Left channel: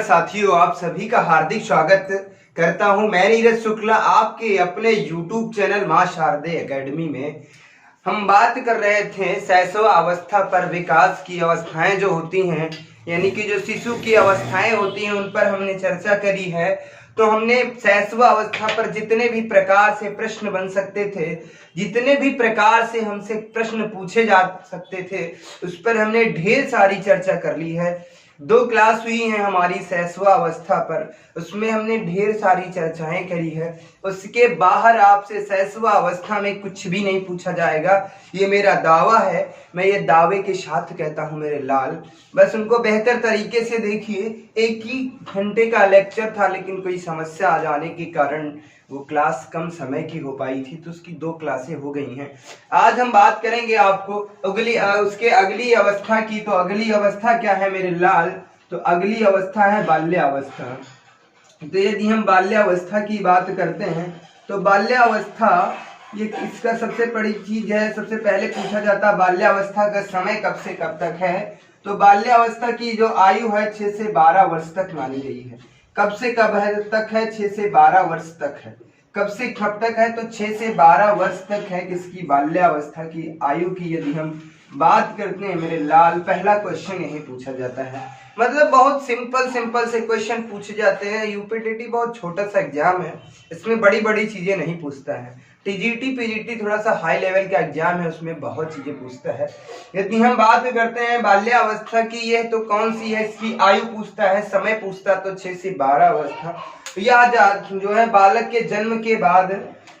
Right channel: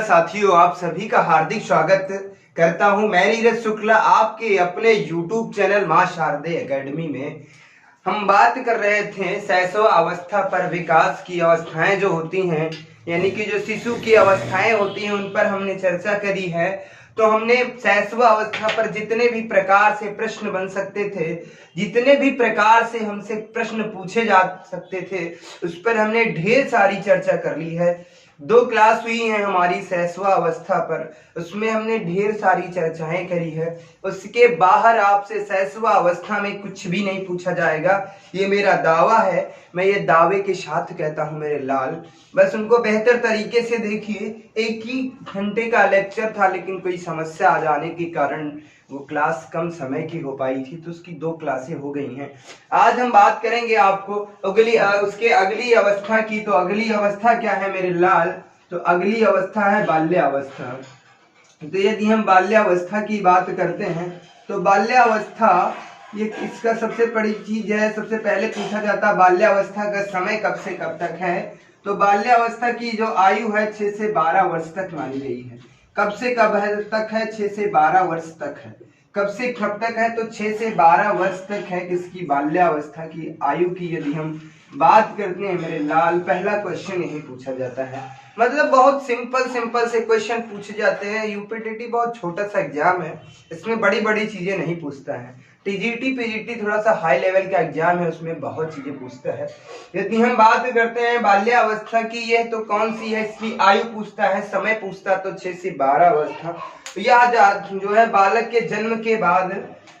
नमस्कार साथियों, आप सभी का हार्दिक स्वागत करता हूं। मैं नीरज शुक्ला आपके अपने YouTube चैनल मां शारदे एकेडमी में। हम बात कर रहे थे शैशव अवस्था पर। विकास की अवस्थाएं जो होती हैं, यानी कि जो शिशु की अवस्थाएं होती हैं, उन पर हमने चर्चा करी है। तो हमने शैशव अवस्था पर जितने भी प्रकार से प्रश्न बन सकते थे, जितने भी प्रकार से हमसे प्रश्न पूछे जा सकते थे, उस पर हमने ढेर सारी चर्चा कर ली है। 2 क्लास हुई हैं हमारी शैशव अवस्था पर, उसमें हमने ढेर सारी चर्चाएं करी है। उसके बाहर आपसे शैशव अवस्था में कुछ भी नहीं पूछा जाएगा, ये मेरा दावा है। मैं ये दावे के साथ कहता हूं मेरे लाल। बस उनको बेहतर तरीके से देखिए। 1 ही घंटे का लेक्चर था, लेकिन कोई समस्या आ जाने के कारण वो क्लास कम समय की हो पाई थी, तो उसकी 2 क्लासें हो गई हैं। आज हम बात करेंगे आपको उसके अगली अवस्था की। तो अगली अवस्था क्या है मेरे लाल? तो अगली अवस्था है बाल्यावस्था। तो यदि हम बाल्यावस्था की बात करते हैं, तो बाल्यावस्था ये इसका सबसे बड़ी चीज है। सबसे पहले पूछा जाता बाल्यावस्था का समय कब से कब तक है। तो बाल्यावस्था की जो आयु है 6 से 12 वर्ष तक मानी गई है। कब से कब है तक है? 6 से 12 वर्ष तक है। कब से कब तक है? तो 6 से 12 वर्ष तक है किसकी? बाल्यावस्था की आयु की यदि हम बात करते हैं मेरे लाल, पहला क्वेश्चन यही पूछा जाता है। मतलब बहुत सिंपल से क्वेश्चन पूछे जाते हैं। यूपीटीटी बहुत छोटा सा एग्जाम है, इसमें बड़ी बड़ी चीजें नहीं पूछता है। टीजीटी पीजीटी थोड़ा सा हाई लेवल का एग्जाम है, उसमें बहुत चीजें पूछता है। यदि हम बात करते हैं बाल्यावस्था की, यह तो कौन सी है? इसकी आयु पूछता है, समय पूछता तो 6 से 12 वर्ष था। तो यह जो है बालक के जन्म के बाद,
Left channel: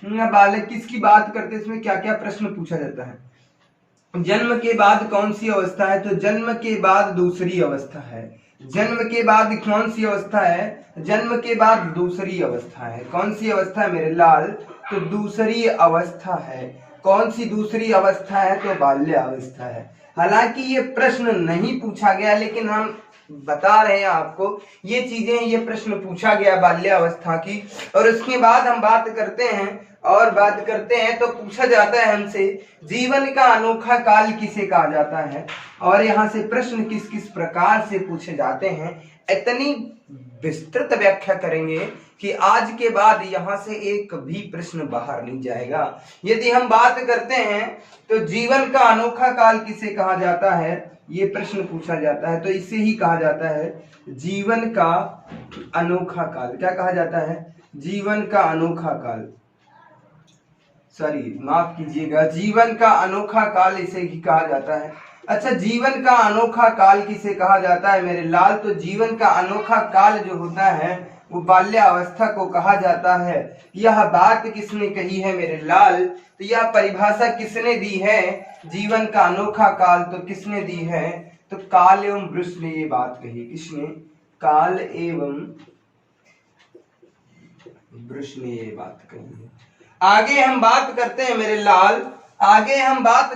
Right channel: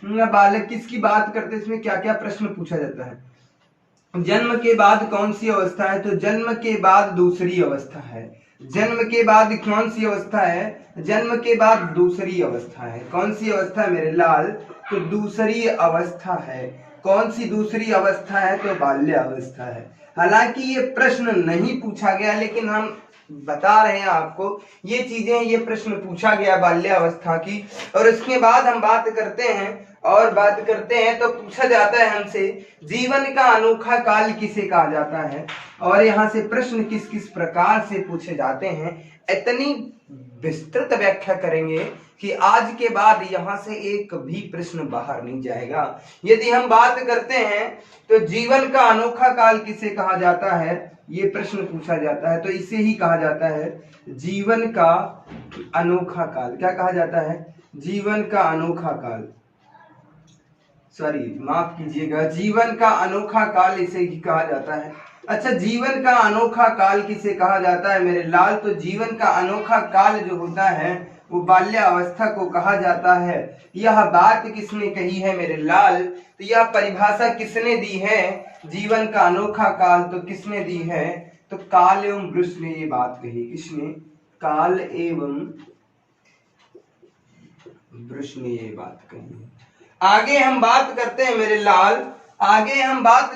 बालक किसकी बात करते हैं, इसमें क्या क्या प्रश्न पूछा जाता है? जन्म के बाद कौन सी अवस्था है? तो जन्म के बाद दूसरी अवस्था है। जन्म के बाद कौन सी अवस्था है? जन्म के बाद दूसरी अवस्था है। कौन सी अवस्था है मेरे लाल? तो दूसरी अवस्था है। कौन सी दूसरी अवस्था है? तो बाल्यावस्था है। हालांकि ये प्रश्न नहीं पूछा गया, लेकिन हम बता रहे हैं आपको ये चीजें। ये प्रश्न पूछा गया बाल्यावस्था की। और उसके बाद हम बात करते हैं तो पूछा जाता है हमसे जीवन का अनोखा काल किसे कहा जाता है। और यहाँ से प्रश्न किस किस प्रकार से पूछे जाते हैं, इतनी विस्तृत व्याख्या करेंगे कि आज के बाद यहाँ से एक भी प्रश्न बाहर नहीं जाएगा। यदि हम बात करते हैं तो जीवन का अनोखा काल किसे कहा जाता है, ये प्रश्न पूछा जाता है। तो इसे ही कहा जाता है जीवन का अनोखा काल। क्या कहा जाता है? जीवन का अनोखा काल। सॉरी, माफ कीजिएगा, जीवन का अनोखा काल इसे ही कहा जाता है। अच्छा, जीवन का अनोखा काल किसे कहा जाता है मेरे लाल? तो जीवन का अनोखा काल जो होता है वो बाल्यावस्था को कहा जाता है। यह बात किसने कही है मेरे लाल? तो यह परिभाषा किसने दी है जीवन का अनोखा काल? तो किसने दी है? तो काल एवं ब्रुस ने ये बात कही। किसने? काल एवं ब्रुस ने ये बात कही। आगे हम बात करते हैं मेरे लाल, आगे हम बात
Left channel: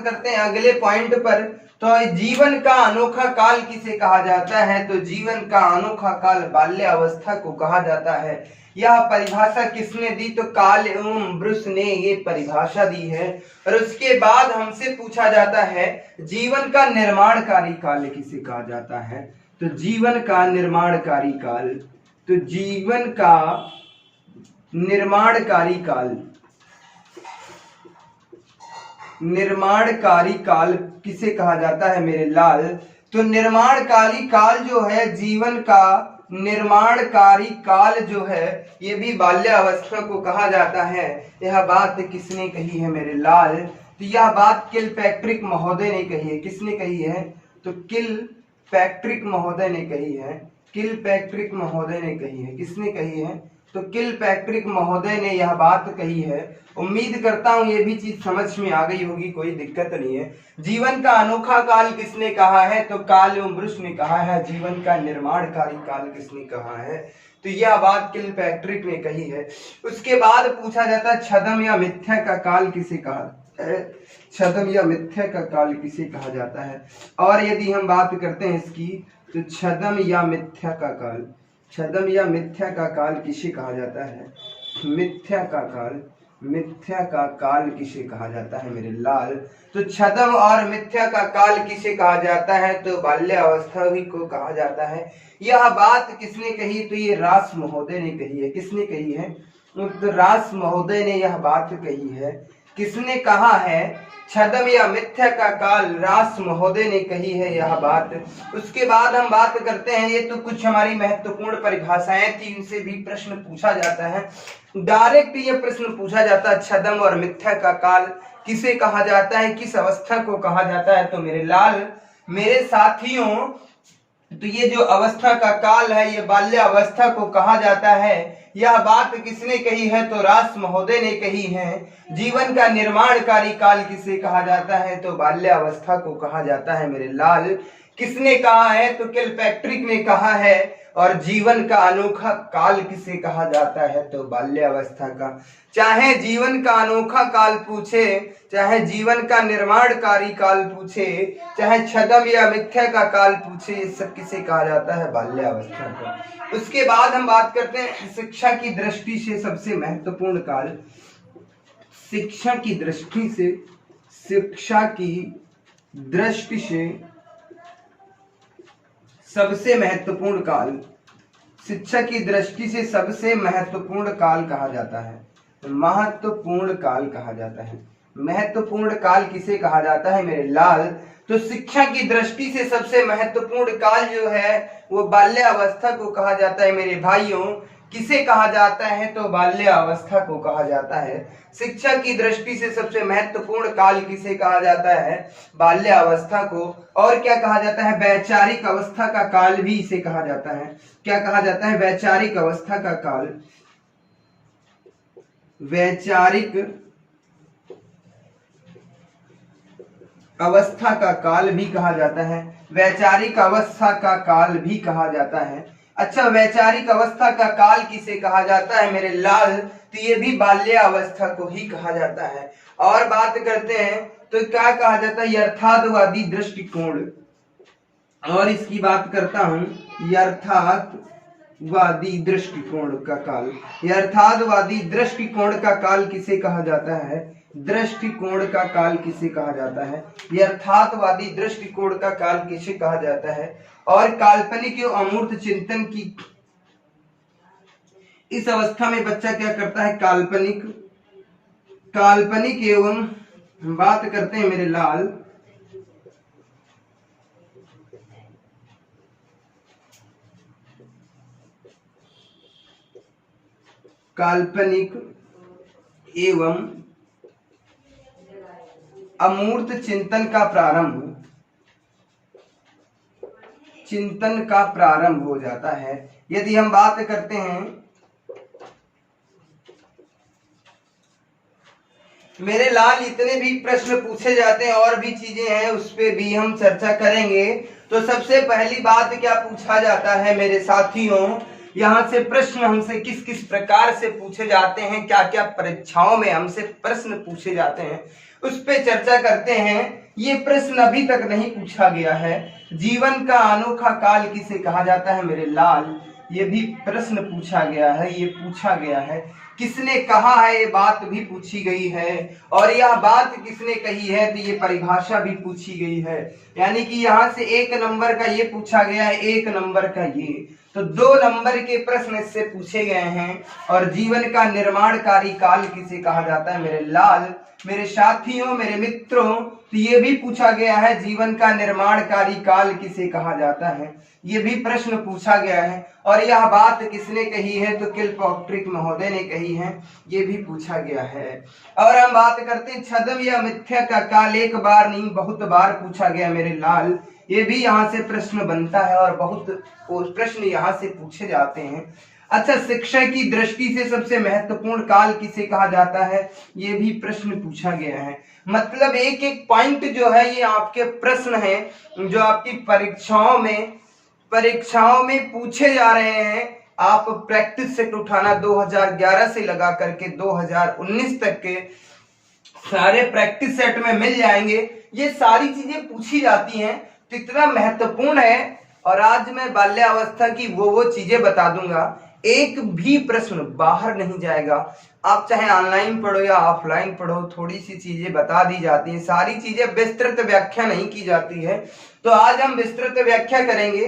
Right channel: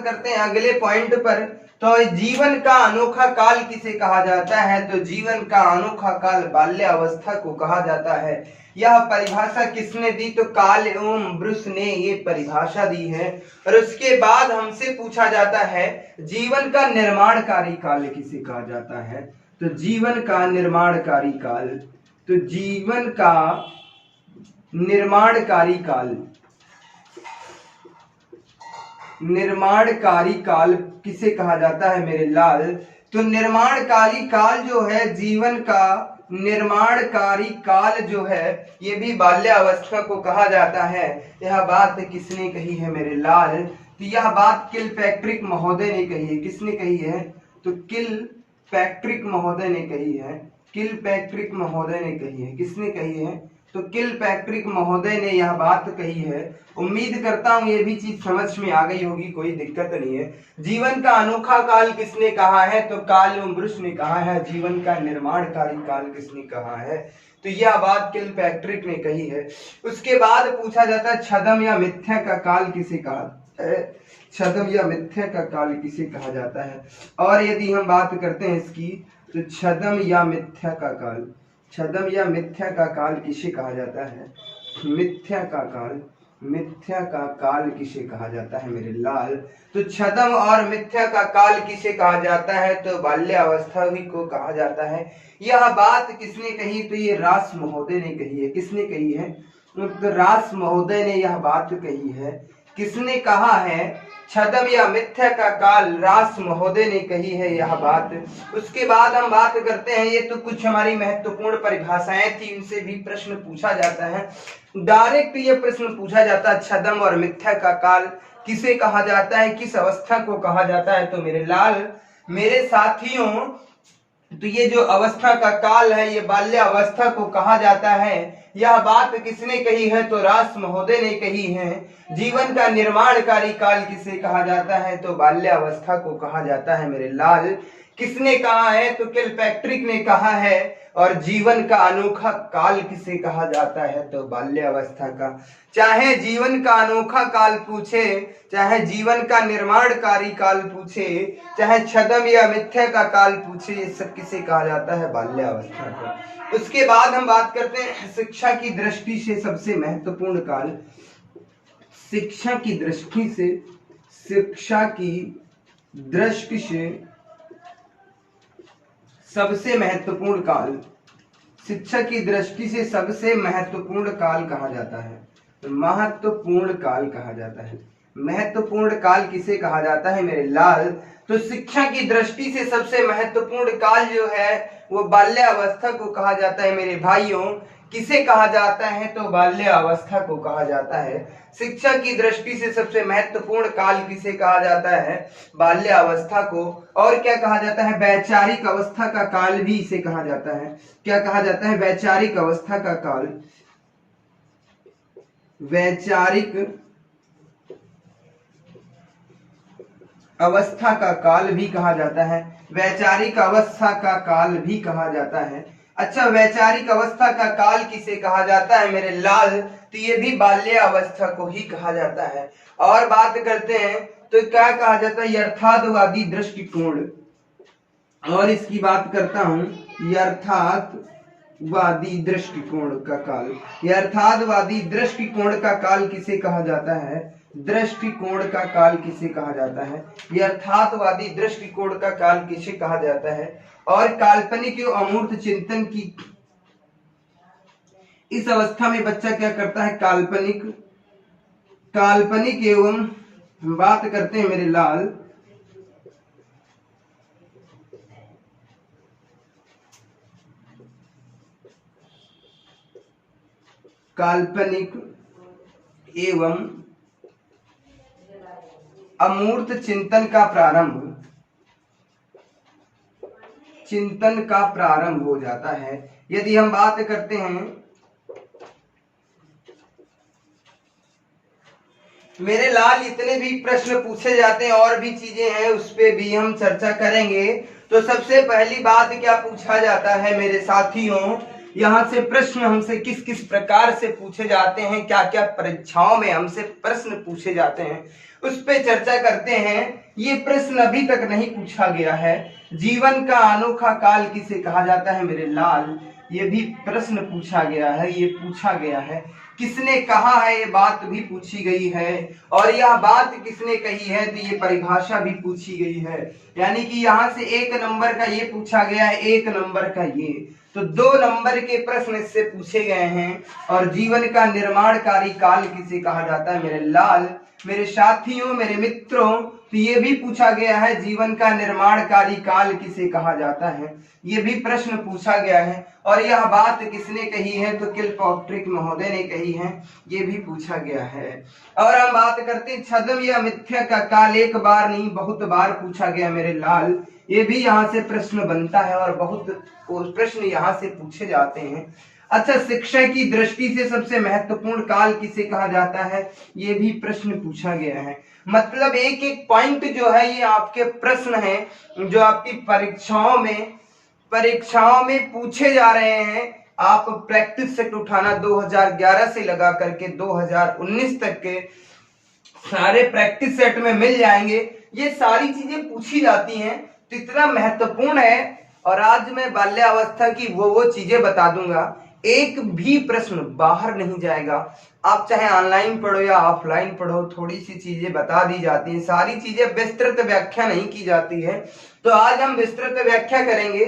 करते हैं अगले पॉइंट पर। तो जीवन का अनोखा काल किसे कहा जाता है? तो जीवन का अनोखा काल बाल्यावस्था को कहा जाता है। यह परिभाषा किसने दी? तो काल एवं ब्रुस ने ये परिभाषा दी है। और उसके बाद हमसे पूछा जाता है जीवन का निर्माणकारी काल किसे कहा जाता है? तो जीवन का निर्माणकारी काल, तो जीवन का निर्माणकारी काल, निर्माणकारी काल किसे कहा जाता है मेरे लाल? तो निर्माणकारी काल जो है, जीवन का निर्माणकारी काल जो है, ये भी बाल्यावस्था को कहा जाता है। यह बात किसने कही है मेरे लाल? तो यह बात किलपैट्रिक महोदय ने कही है। किसने कही है? तो किलपैट्रिक महोदय ने कही है। किलपैट्रिक महोदय ने कही है। किसने कही है? तो किलपैट्रिक महोदय ने यह बात कही है। उम्मीद करता हूं ये भी चीज समझ में आ गई होगी, कोई दिक्कत नहीं है। जीवन का अनोखा काल किसने कहा है? तो काल एवं ब्रुस ने कहा है। जीवन का निर्माणकारी काल किसने कहा है? तो यह बात किलपैट्रिक ने कही है। उसके बाद पूछा जाता है छद्म या मिथ्या का काल किसे कहा है? छद्म या मिथ्या का काल किसे कहा जाता है? और यदि हम बात करते हैं इसकी, तो छद्म या मिथ्या का काल, छद्म या मिथ्या का काल किसे कहा जाता है? मिथ्या का काल, मिथ्या का काल किसे कहा जाता है मेरे लाल? तो छद्म और मिथ्या का काल किसे कहा जाता है? तो बाल्यावस्था भी को कहा जाता है। यह बात किसने कही? तो ये रास महोदय ने कही है। किसने कही है? तो रास महोदय ने यह बात कही है। किसने कहा है? छद्म या मिथ्या का काल रास महोदय ने कही है यह बात। उसके बाद हम बात करते हैं, ये तो कुछ हमारी महत्वपूर्ण परिभाषाएं थी, इनसे भी प्रश्न पूछा जाता है। डायरेक्ट ये प्रश्न पूछा जाता है, छद्म और मिथ्या का काल किसे कहा जाता है, किस अवस्था को कहा जाता है? तो मेरे लाल, मेरे साथियों, तो ये जो अवस्था का काल है ये बाल्यावस्था को कहा जाता है। यह बात किसने कही है? तो रास महोदय ने कही है। जीवन का निर्माणकारी काल किसे कहा जाता है? तो बाल्यावस्था को कहा जाता है मेरे लाल। किसने कहा है? तो किलपैट्रिक ने कहा है। और जीवन का अनोखा काल किसे कहा जाता है? तो बाल्यावस्था का। चाहे जीवन का अनोखा काल पूछे, चाहे जीवन का निर्माणकारी काल पूछे, चाहे छद्म या मिथ्या का काल पूछे, ये सब किसे कहा जाता है? बाल्यावस्था को। उसके बाद हम बात करते हैं शिक्षा की दृष्टि से सबसे महत्वपूर्ण काल। शिक्षा की दृष्टि से, शिक्षा की दृष्टि से सबसे महत्वपूर्ण काल, शिक्षा की दृष्टि से सबसे महत्वपूर्ण काल कहा जाता है, महत्वपूर्ण काल कहा जाता है। महत्वपूर्ण काल किसे कहा जाता है मेरे लाल? तो शिक्षा की दृष्टि से सबसे महत्वपूर्ण काल जो है वो बाल्यावस्था को कहा जाता है मेरे भाइयों। किसे कहा जाता है? तो बाल्यावस्था को कहा जाता है। शिक्षा की दृष्टि से सबसे महत्वपूर्ण काल किसे कहा जाता है? बाल्यावस्था को। और क्या कहा जाता है? वैचारिक अवस्था का काल भी इसे कहा जाता है। क्या कहा जाता है? वैचारिक अवस्था का काल, वैचारिक अवस्था का काल भी कहा जाता है। वैचारिक अवस्था का काल भी कहा जाता है। अच्छा, वैचारिक अवस्था का काल किसे कहा जाता है मेरे लाल? तो ये भी बाल्यावस्था को ही कहा जाता है। और बात करते हैं तो क्या कहा जाता है? यथार्थवादी दृष्टिकोण। और इसकी बात करता हूं, यथार्थवादी दृष्टिकोण का काल। यथार्थवादी दृष्टिकोण का काल किसे कहा जाता है? दृष्टिकोण का काल किसे कहा जाता है? यथार्थवादी दृष्टिकोण का काल किसे कहा जाता है? और काल्पनिक एवं अमूर्त चिंतन की इस अवस्था में बच्चा क्या करता है? काल्पनिक एवं बात करते हैं मेरे लाल, काल्पनिक एवं अमूर्त चिंतन का प्रारंभ हो जाता है। यदि हम बात करते हैं मेरे लाल, इतने भी प्रश्न पूछे जाते हैं, और भी चीजें हैं उस पे भी हम चर्चा करेंगे। तो सबसे पहली बात क्या पूछा जाता है मेरे साथियों? यहाँ से प्रश्न हमसे किस किस प्रकार से पूछे जाते हैं, क्या क्या परीक्षाओं में हमसे प्रश्न पूछे जाते हैं, उस पे चर्चा करते हैं। ये प्रश्न अभी तक नहीं पूछा गया है, जीवन का अनोखा काल किसे कहा जाता है मेरे लाल? ये भी प्रश्न पूछा गया है, ये पूछा गया है। किसने कहा है? ये बात भी पूछी गई है। और यह बात किसने कही है? तो ये परिभाषा भी पूछी गई है। यानी कि यहाँ से 1 नंबर का ये पूछा गया है, 1 नंबर का ये, तो 2 नंबर के प्रश्न इससे पूछे गए हैं। और जीवन का निर्माणकारी काल किसे कहा जाता है मेरे लाल? मेरे साथियों, मेरे मित्रों, तो ये भी पूछा गया है, जीवन का निर्माणकारी काल किसे कहा जाता है? ये भी प्रश्न पूछा गया है। और यह बात किसने कही है? तो किलपैट्रिक महोदय ने कही है, ये भी पूछा गया है। और हम बात करते हैं छद्म या मिथ्या का काल, एक बार नहीं बहुत बार पूछा गया मेरे लाल। ये भी यहाँ से प्रश्न बनता है और बहुत प्रश्न यहाँ से पूछे जाते हैं। अच्छा, शिक्षा की दृष्टि से सबसे महत्वपूर्ण काल किसे कहा जाता है? ये भी प्रश्न पूछा गया है। मतलब एक एक पॉइंट जो है ये आपके प्रश्न हैं जो आपकी परीक्षाओं में पूछे जा रहे हैं। आप प्रैक्टिस सेट उठाना 2011 से लगा करके 2019 तक के सारे प्रैक्टिस सेट में मिल जाएंगे। ये सारी चीजें पूछी जाती हैं, तो इतना महत्वपूर्ण है। और आज मैं बाल्यावस्था की वो चीजें बता दूंगा एक भी प्रश्न बाहर नहीं जाएगा। आप चाहे ऑनलाइन पढ़ो या ऑफलाइन पढ़ो, थोड़ी सी चीजें बता दी जाती हैं, सारी चीजें विस्तृत व्याख्या नहीं की जाती है। तो आज हम विस्तृत व्याख्या करेंगे।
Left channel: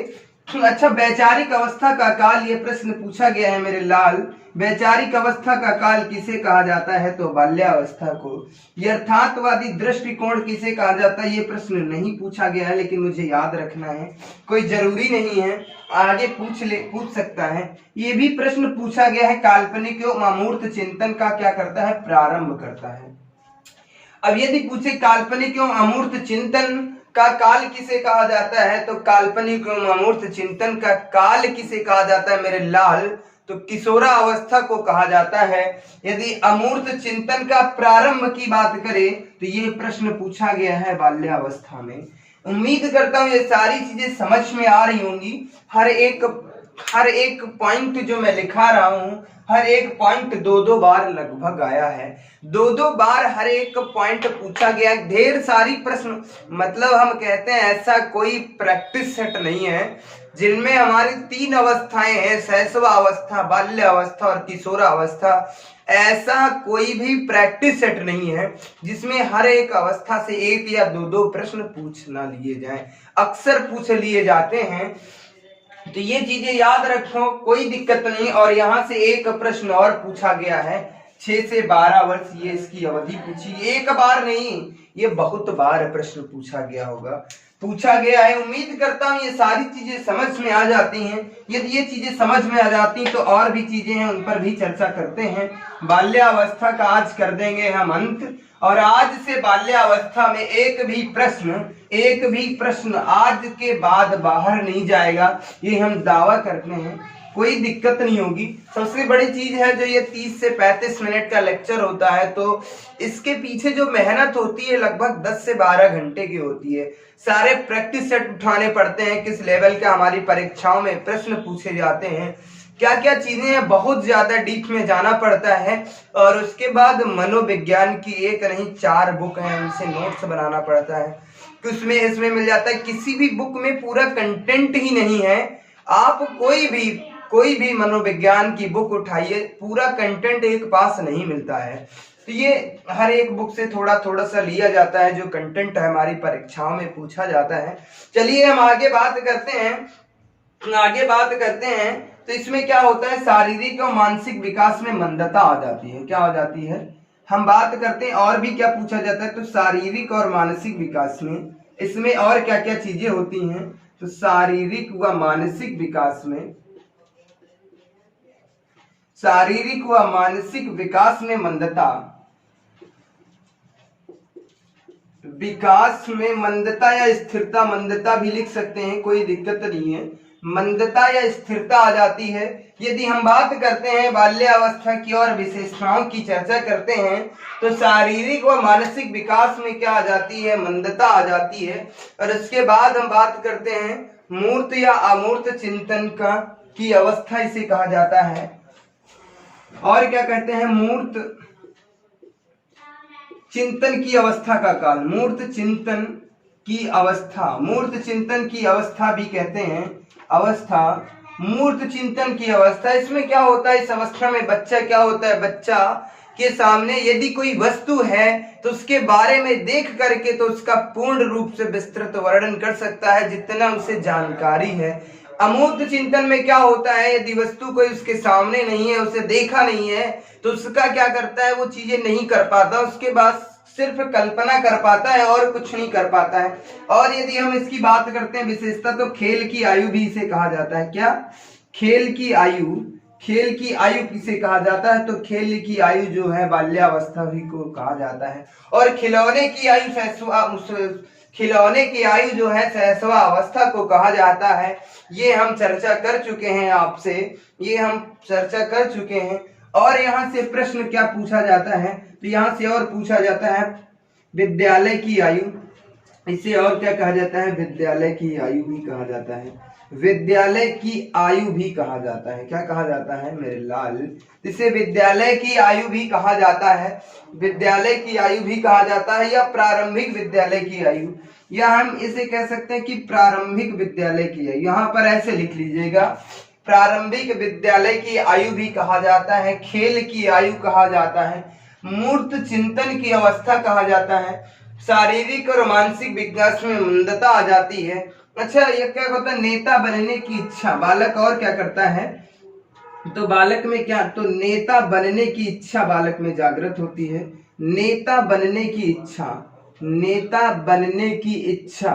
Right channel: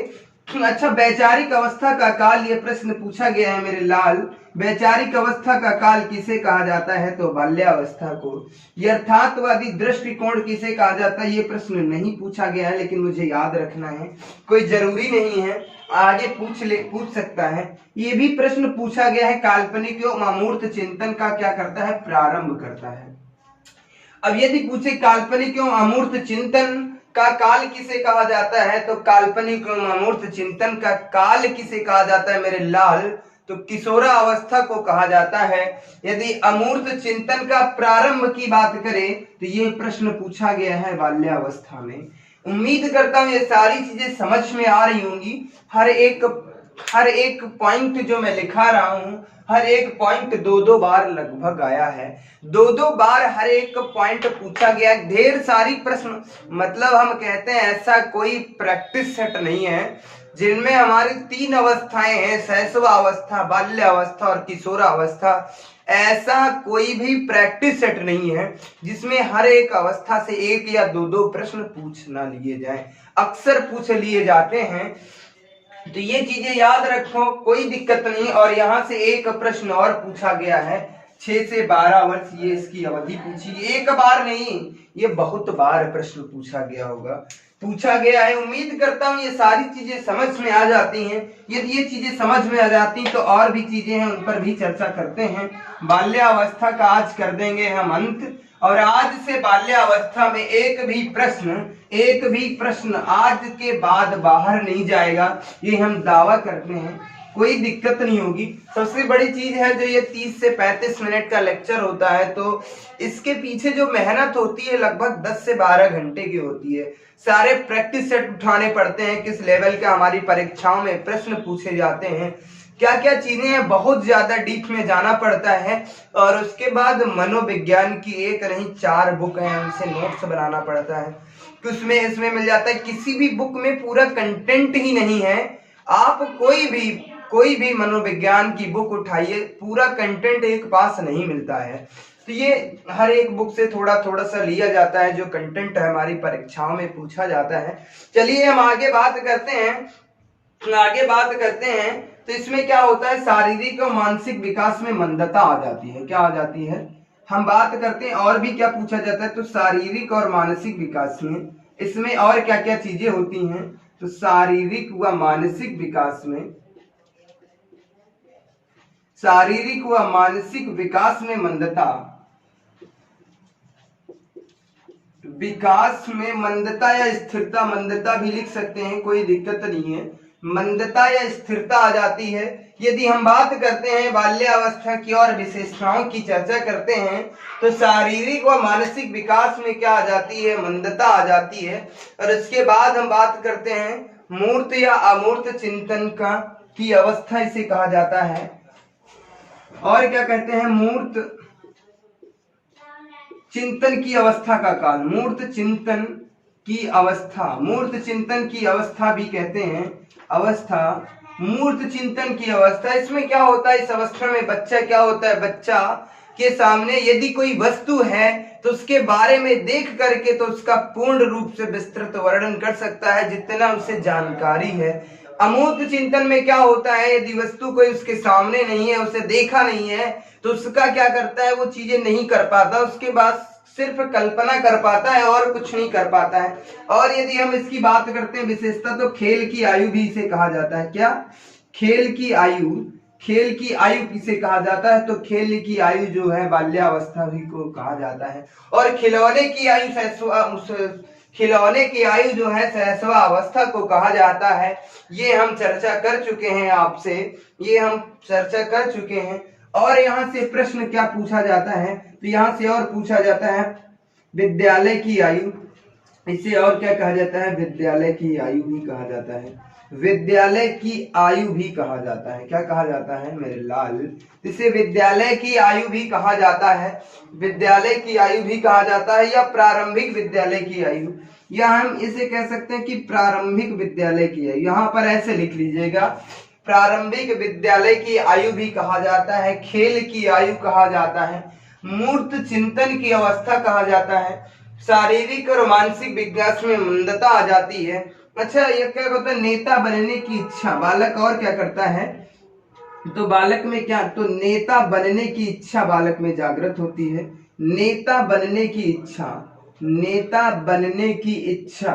अच्छा, वैचारिक अवस्था का काल, ये प्रश्न पूछा गया है मेरे लाल। वैचारिक अवस्था का काल किसे कहा जाता है? तो बाल्यावस्था को। यथार्थवादी दृष्टिकोण किसे कहा जाता है? ये प्रश्न नहीं पूछा गया है, लेकिन मुझे याद रखना है, कोई जरूरी नहीं है, आगे पूछ सकता है। ये भी प्रश्न पूछा गया है, काल्पनिक एवं अमूर्त चिंतन का क्या करता है? प्रारंभ करता है। अब यदि पूछे काल्पनिक एवं अमूर्त चिंतन का काल किसे कहा जाता है, तो काल्पनिक एवं अमूर्त चिंतन का काल किसे कहा जाता है मेरे लाल? तो किशोरा अवस्था को कहा जाता है। यदि अमूर्त चिंतन का प्रारंभ की बात करें तो ये प्रश्न पूछा गया है बाल्यावस्था में। उम्मीद करता हूं ये सारी चीजें समझ में आ रही होंगी। हर एक पॉइंट जो मैं लिखा रहा हूं, हर एक पॉइंट दो बार लगभग आया है, दो बार हर एक पॉइंट पूछा गया। ढेर सारी प्रश्न, मतलब हम कहते हैं ऐसा कोई प्रैक्टिस सेट नहीं है जिनमें हमारी 3 अवस्थाएं हैं, शैशव अवस्था, बाल्य अवस्था और किशोर अवस्था। ऐसा कोई भी प्रैक्टिस सेट नहीं है जिसमें हर एक अवस्था से एक या दो प्रश्न पूछ ना लिए जाएं। अक्सर पूछ लिए जाते हैं, तो ये चीजें याद रखो, कोई दिक्कत नहीं। और यहाँ से एक प्रश्न और पूछा गया है, 6 से 12 वर्ष ये इसकी अवधि पूछी। एक बार नहीं, ये बहुत बार प्रश्न पूछा गया होगा, पूछा गया है। उम्मीद करता हूँ ये सारी चीजें समझ में आ जाती हैं। यदि ये चीजें समझ में आ जाती तो और भी चीजें हैं, उन पर भी चर्चा करते हैं। बाल्यावस्था का आज कर देंगे हम अंत, और आज से बाल्यावस्था में एक भी प्रश्न आज के बाद बाहर नहीं जाएगा, ये हम दावा करते हैं। कोई दिक्कत नहीं होगी। सबसे बड़ी चीज है जो ये 30 से 35 मिनट का लेक्चर होता है, तो इसके पीछे जो मेहनत होती है लगभग 10 से 12 घंटे की होती है। सारे प्रैक्टिस सेट उठाने पड़ते हैं, किस लेवल का हमारी परीक्षाओं में प्रश्न पूछे जाते हैं, क्या क्या चीजें हैं, बहुत ज्यादा डीप में जाना पड़ता है। और उसके बाद मनोविज्ञान की एक नहीं 4 बुक है, उनसे नोट्स बनाना पड़ता है। उसमें इसमें मिल जाता है, किसी भी बुक में पूरा कंटेंट ही नहीं है। आप कोई भी मनोविज्ञान की बुक उठाइए, पूरा कंटेंट एक पास नहीं मिलता है। तो ये हर एक बुक से थोड़ा थोड़ा सा लिया जाता है, जो कंटेंट है हमारी परीक्षाओं में पूछा जाता है। चलिए हम आगे बात करते हैं। तो इसमें क्या होता है, शारीरिक और मानसिक विकास में मंदता आ जाती है। क्या आ जाती है, हम बात करते हैं। और भी क्या पूछा जाता है, तो शारीरिक और मानसिक विकास में इसमें और क्या क्या चीजें होती हैं, तो शारीरिक व मानसिक विकास में मंदता, विकास में मंदता या स्थिरता, मंदता भी लिख सकते हैं, कोई दिक्कत नहीं है। मंदता या स्थिरता आ जाती है। यदि हम बात करते हैं बाल्यावस्था की और विशेषताओं की चर्चा करते हैं, तो शारीरिक व मानसिक विकास में क्या आ जाती है, मंदता आ जाती है। और इसके बाद हम बात करते हैं मूर्त या अमूर्त चिंतन की अवस्था, इसे कहा जाता है। और क्या कहते हैं, मूर्त चिंतन की अवस्था का काल, मूर्त चिंतन की अवस्था भी कहते हैं। मूर्त चिंतन की अवस्था, इसमें क्या होता है, इस अवस्था में बच्चा क्या होता है, बच्चा के सामने यदि कोई वस्तु है तो उसके बारे में देख करके तो उसका पूर्ण रूप से विस्तृत वर्णन कर सकता है, जितना उसे जानकारी है। अमूर्त चिंतन में क्या होता है, यदि वस्तु कोई उसके सामने नहीं है, उसे देखा नहीं है, तो उसका क्या करता है, वो चीजें नहीं कर पाता, उसके बाद सिर्फ कल्पना कर पाता है और कुछ नहीं कर पाता है। और यदि हम इसकी बात करते हैं विशेषता, तो खेल की आयु भी इसे कहा जाता है। क्या, खेल की आयु किसे कहा जाता है, तो खेल की आयु जो है बाल्यावस्था भी को कहा जाता है। और खिलौने की आयु जो है शैशव अवस्था को कहा जाता है। ये हम चर्चा कर चुके हैं, और यहाँ से प्रश्न क्या पूछा जाता है, तो यहाँ से और पूछा जाता है विद्यालय की आयु, इसे और क्या कहा जाता है, विद्यालय की आयु भी कहा जाता है। क्या कहा जाता है मेरे लाल, इसे विद्यालय की आयु भी कहा जाता है, या प्रारंभिक विद्यालय की आयु, या हम इसे कह सकते हैं कि प्रारंभिक विद्यालय की आयु। यहाँ पर ऐसे लिख लीजिएगा, प्रारंभिक विद्यालय की आयु भी कहा जाता है, खेल की आयु कहा जाता है, मूर्त चिंतन की अवस्था कहा जाता है, शारीरिक और मानसिक विकास में मंदता आ जाती है। अच्छा, ये क्या होता है, नेता बनने की इच्छा, बालक और क्या करता है, तो बालक में क्या, तो नेता बनने की इच्छा बालक में जागृत होती है। नेता बनने की इच्छा, नेता बनने की इच्छा,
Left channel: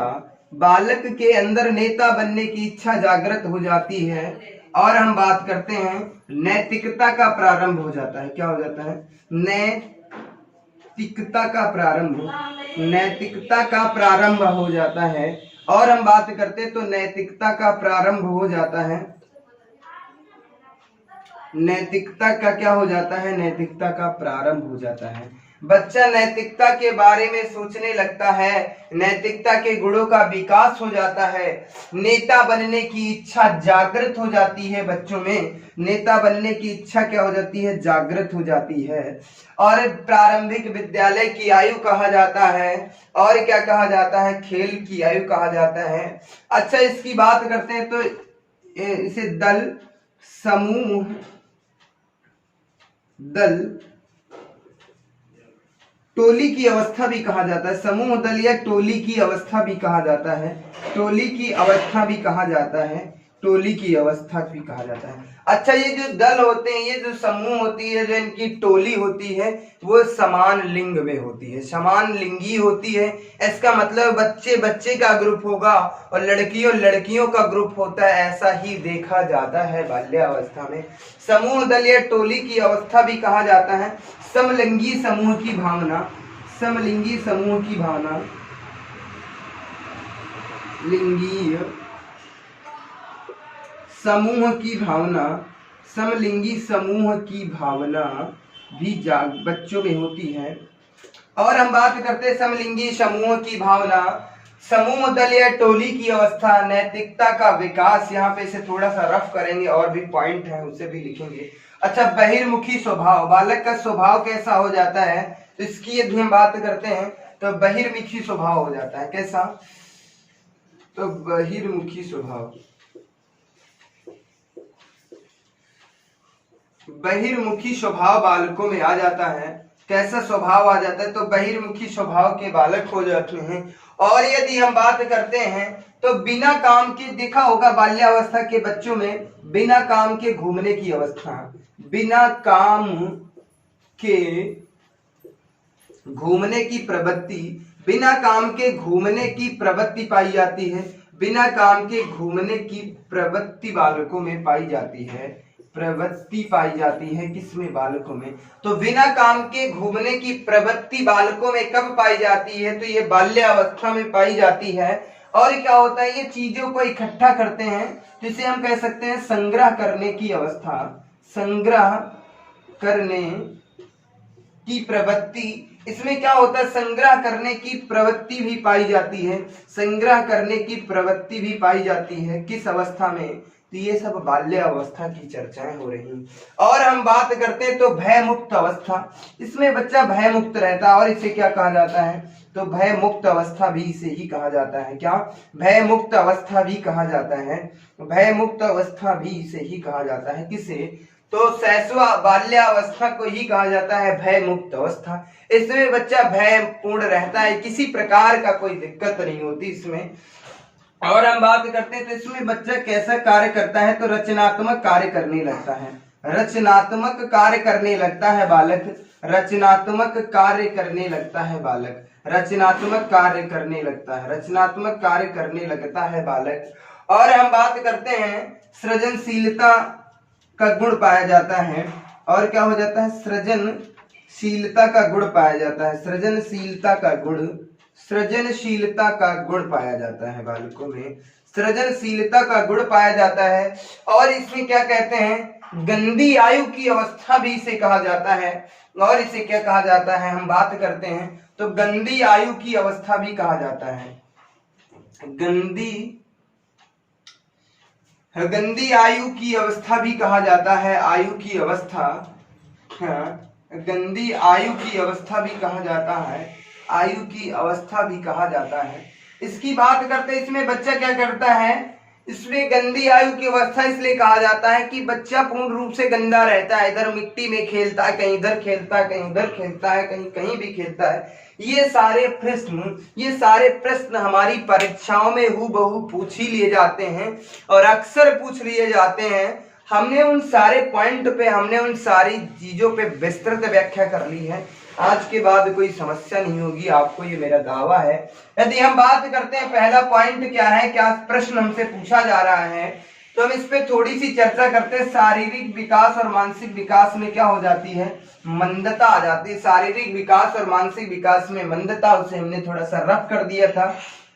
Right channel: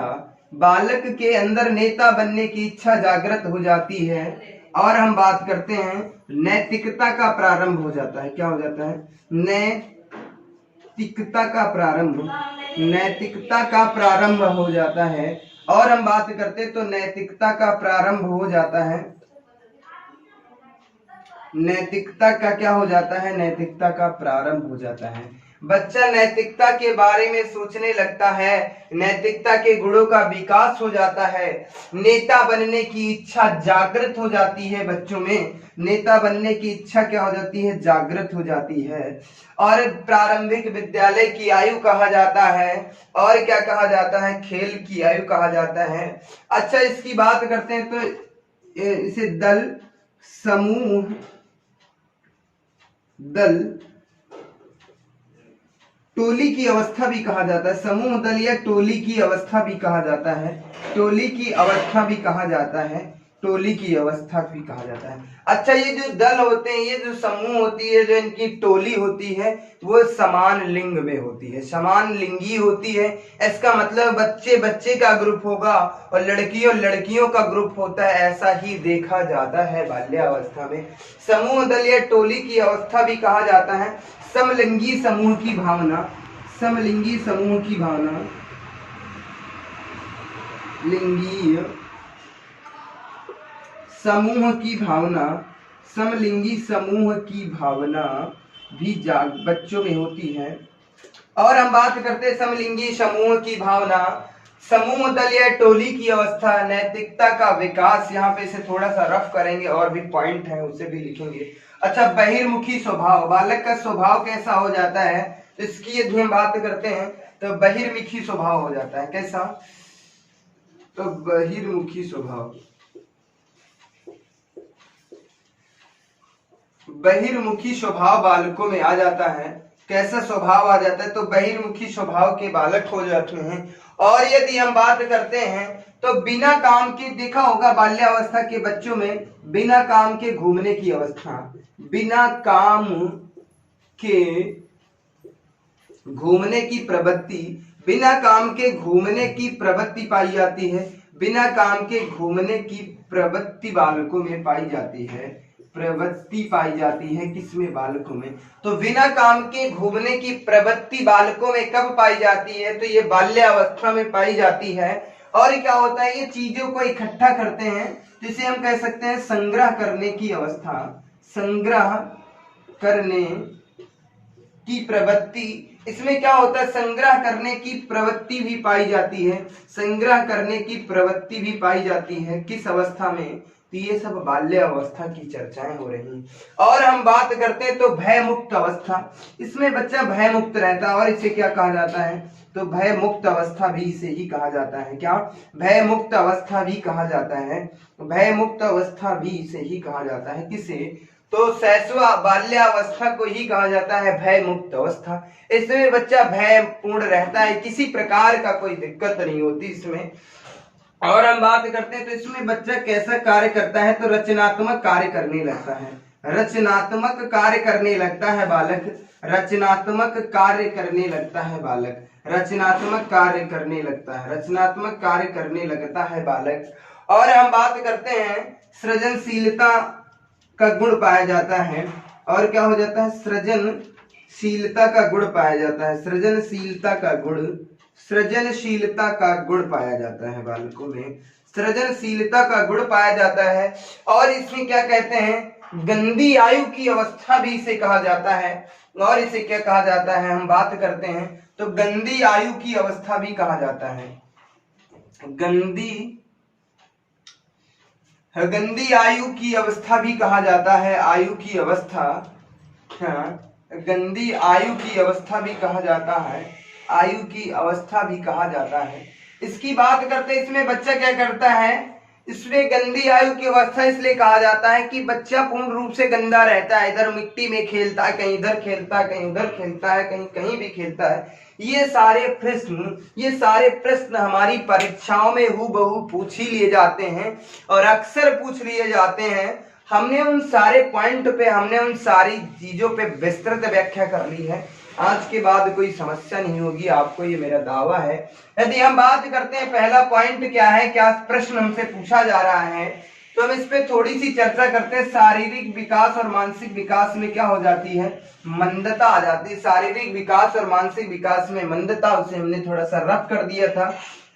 बालक के अंदर नेता बनने की इच्छा जागृत हो जाती है। और हम बात करते हैं नैतिकता का प्रारंभ हो जाता है। क्या हो जाता है, नैतिकता का प्रारंभ, नैतिकता का प्रारंभ हो जाता है। और हम बात करते हैं तो नैतिकता का प्रारंभ हो जाता है, नैतिकता का क्या हो जाता है, नैतिकता का प्रारंभ हो जाता है। बच्चा नैतिकता के बारे में सोचने लगता है, नैतिकता के गुणों का विकास हो जाता है, नेता बनने की इच्छा जागृत हो जाती है बच्चों में, नेता बनने की इच्छा क्या हो जाती है, जागृत हो जाती है। और प्रारंभिक विद्यालय की आयु कहा जाता है, और क्या कहा जाता है, खेल की आयु कहा जाता है। अच्छा, इसकी बात करते हैं तो इसे दल, समूह, दल, टोली की अवस्था भी कहा जाता है, समूह, दल या टोली की अवस्था भी कहा जाता है, टोली की अवस्था भी कहा जाता है, टोली की अवस्था भी कहा जाता है। अच्छा, ये जो दल होते हैं, ये जो समूह होती है, जो इनकी टोली होती है, वो समान लिंग में होती है, समान लिंगी होती है। इसका मतलब बच्चे बच्चे का ग्रुप होगा और लड़कियों लड़कियों का ग्रुप होता है, ऐसा ही देखा जाता है बाल्यावस्था में। समूह, दल या टोली की अवस्था भी कहा जाता है। समलिंगी समूह की भावना, समलिंगी समूह की भावना, लिंगीय समूह की भावना, समलिंगी समूह की भावना भी बच्चों में होती है। और हम बात करते हैं समलिंगी समूह की भावना, समूह, दल या टोली की अवस्था, नैतिकता का विकास। यहाँ पे इसे थोड़ा सा रफ करेंगे, और भी पॉइंट है उसे भी लिखेंगे। अच्छा, बहिर्मुखी स्वभाव, बालक का स्वभाव कैसा हो जाता है, तो इसकी यदि हम बात करते हैं तो बहिर्मुखी स्वभाव हो जाता है। कैसा, तो बहिर्मुखी स्वभाव, बहिर्मुखी स्वभाव बालकों में आ जाता है। कैसा स्वभाव आ जाता है, तो बहिर्मुखी स्वभाव के बालक हो जाते हैं। और यदि हम बात करते हैं तो बिना काम के, देखा होगा बाल्यावस्था के बच्चों में बिना काम के घूमने की अवस्था, बिना काम के घूमने की प्रवृत्ति, बिना काम के घूमने की प्रवृत्ति पाई जाती है, बिना काम के घूमने की प्रवृत्ति बालकों में पाई जाती है, प्रवृत्ति पाई जाती है किसमें, बालकों में। तो बिना काम के घूमने की प्रवृत्ति बालकों में कब पाई जाती है, तो ये बाल्यावस्था में पाई जाती है। और क्या होता है, ये चीजों को इकट्ठा करते हैं, जिसे हम कह सकते हैं संग्रह करने की अवस्था, संग्रह करने की प्रवृत्ति। इसमें क्या होता है, संग्रह करने की प्रवृत्ति भी पाई जाती है, संग्रह करने की प्रवृत्ति भी पाई जाती है किस अवस्था में, तो ये सब बाल्य अवस्था की चर्चाएं हो रही। और हम बात करते हैं तो भय मुक्त अवस्था, इसमें बच्चा भय मुक्त रहता है, और इसे क्या कहा जाता है, तो भय मुक्त अवस्था भी इसे ही कहा जाता है। क्या, भय मुक्त अवस्था भी कहा जाता है, भय मुक्त अवस्था भी इसे ही कहा जाता है। किसे, तो शैशव बाल्यावस्था को ही कहा जाता है भय मुक्त अवस्था। इसमें बच्चा भय पूर्ण रहता है, किसी प्रकार का कोई दिक्कत नहीं होती इसमें। और हम बात करते हैं तो इसमें बच्चा कैसा कार्य करता है, तो रचनात्मक कार्य करने लगता है, रचनात्मक कार्य करने लगता है बालक, रचनात्मक कार्य करने लगता है बालक, रचनात्मक कार्य करने लगता है, रचनात्मक कार्य करने लगता है बालक। और हम बात करते हैं सृजनशीलता का गुण पाया जाता है, और क्या हो जाता है, सृजनशीलता का गुण पाया जाता है, सृजनशीलता का गुण, सृजनशीलता का गुण पाया जाता है बालकों में, सृजनशीलता का गुण पाया जाता है। और इसमें क्या कहते हैं, गंदी आयु की अवस्था भी इसे कहा जाता है। और इसे क्या कहा जाता है, हम बात करते हैं तो गंदी आयु की अवस्था भी कहा जाता है, गंदी आयु की अवस्था भी कहा जाता है, आयु की अवस्था, गंदी आयु की अवस्था भी कहा जाता है, आयु की अवस्था भी कहा जाता है। इसकी बात करते हैं, इसमें बच्चा क्या करता है, इसमें गंदी आयु की अवस्था इसलिए कहा जाता है कि बच्चा पूर्ण रूप से गंदा रहता है, इधर मिट्टी में खेलता है, कहीं इधर खेलता है, कहीं उधर खेलता है, कहीं कहीं भी खेलता है। ये सारे प्रश्न हमारी परीक्षाओं में हूबहू पूछ ही लिए जाते हैं और अक्सर पूछ लिए जाते हैं। हमने उन सारे पॉइंट पे, हमने उन सारी चीजों पे विस्तृत व्याख्या कर ली है। आज के बाद कोई समस्या नहीं होगी आपको, ये मेरा दावा है। यदि हम बात करते हैं पहला पॉइंट क्या है, क्या प्रश्न हमसे पूछा जा रहा है, तो हम इस पे थोड़ी सी चर्चा करते हैं। शारीरिक विकास और मानसिक विकास में क्या हो जाती है, मंदता आ जाती है। शारीरिक विकास और मानसिक विकास में मंदता, उसे हमने थोड़ा सा रफ कर दिया था।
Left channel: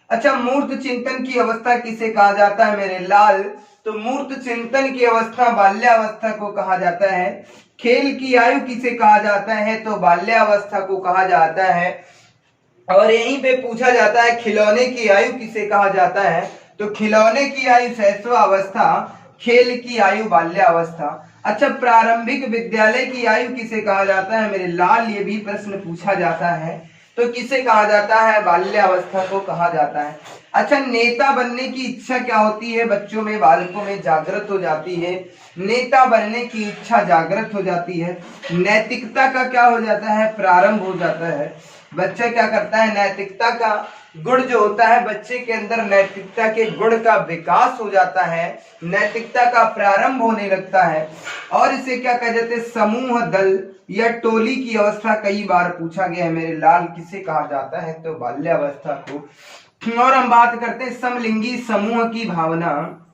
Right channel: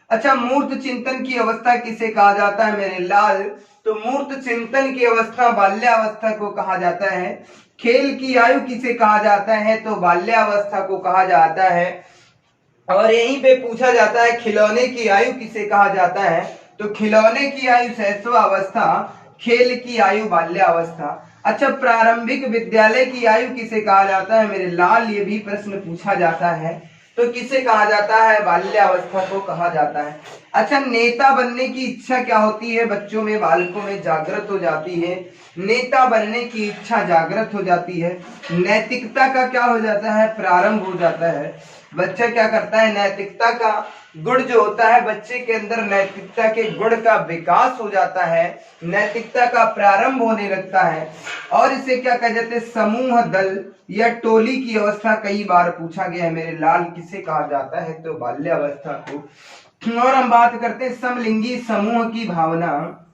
अच्छा, मूर्त चिंतन की अवस्था किसे कहा जाता है मेरे लाल, तो मूर्त चिंतन की अवस्था बाल्यावस्था को कहा जाता है। खेल की आयु किसे कहा जाता है, तो बाल्यावस्था को कहा जाता है। और यहीं पे पूछा जाता है खिलौने की आयु किसे कहा जाता है, तो खिलौने की आयु शैशवावस्था, खेल की आयु बाल्यावस्था। अच्छा, प्रारंभिक विद्यालय की आयु किसे कहा जाता है मेरे लाल, ये भी प्रश्न पूछा जाता है, तो किसे कहा जाता है, बाल्यावस्था को कहा जाता है। अच्छा, नेता बनने की इच्छा क्या होती है बच्चों में, बालकों में जागृत हो जाती है। नेता बनने की इच्छा जागृत हो जाती है। नैतिकता का क्या हो जाता है, प्रारंभ हो जाता है। बच्चा क्या करता है, नैतिकता का गुण जो होता है बच्चे के अंदर, नैतिकता के गुण का विकास हो जाता है, नैतिकता का प्रारंभ होने लगता है। और इसे क्या कह जाते हैं, समूह, दल या टोली की अवस्था कई बार पूछा गया है मेरे लाल, किसे कहा जाता है, तो बाल्यावस्था को। और हम बात करते हैं समलिंगी समूह की भावना।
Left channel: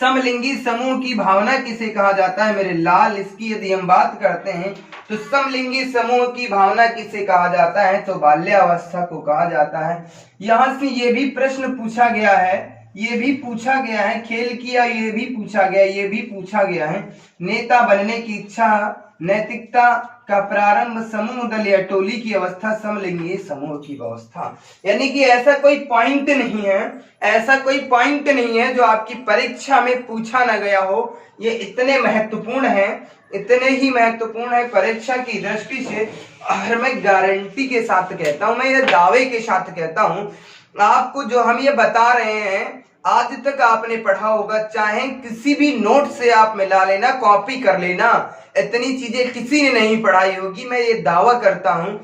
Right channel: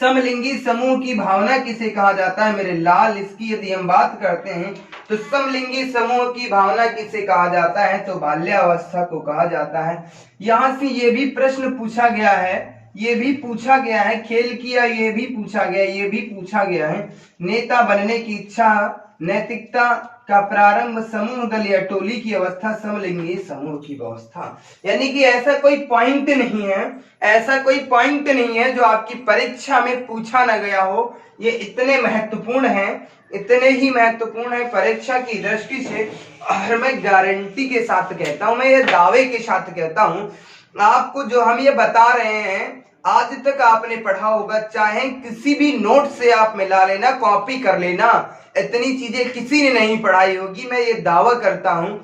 समलिंगी समूह की भावना किसे कहा जाता है मेरे लाल, इसकी यदि हम बात करते हैं तो समलिंगी समूह की भावना किसे कहा जाता है, तो बाल्यावस्था को कहा जाता है। यहां से ये भी प्रश्न पूछा गया है, ये भी पूछा गया है, खेल किया ये भी पूछा गया, ये भी पूछा गया है। नेता बनने की इच्छा, नैतिकता का प्रारंभ, समूह, दल या टोली की अवस्था, समलिंगी समूह की अवस्था। यानी कि ऐसा कोई पॉइंट नहीं है, ऐसा कोई पॉइंट नहीं है जो आपकी परीक्षा में पूछा ना गया हो। ये इतने महत्वपूर्ण है, इतने ही महत्वपूर्ण है परीक्षा की दृष्टि से। और मैं गारंटी के साथ कहता हूं, मैं ये दावे के साथ कहता हूं, आपको जो हम ये बता रहे हैं आज तक आपने पढ़ा होगा, चाहे किसी भी नोट से आप मिला लेना, कॉपी कर लेना, इतनी चीजें किसी ने नहीं पढ़ाई होगी, मैं ये दावा करता हूं।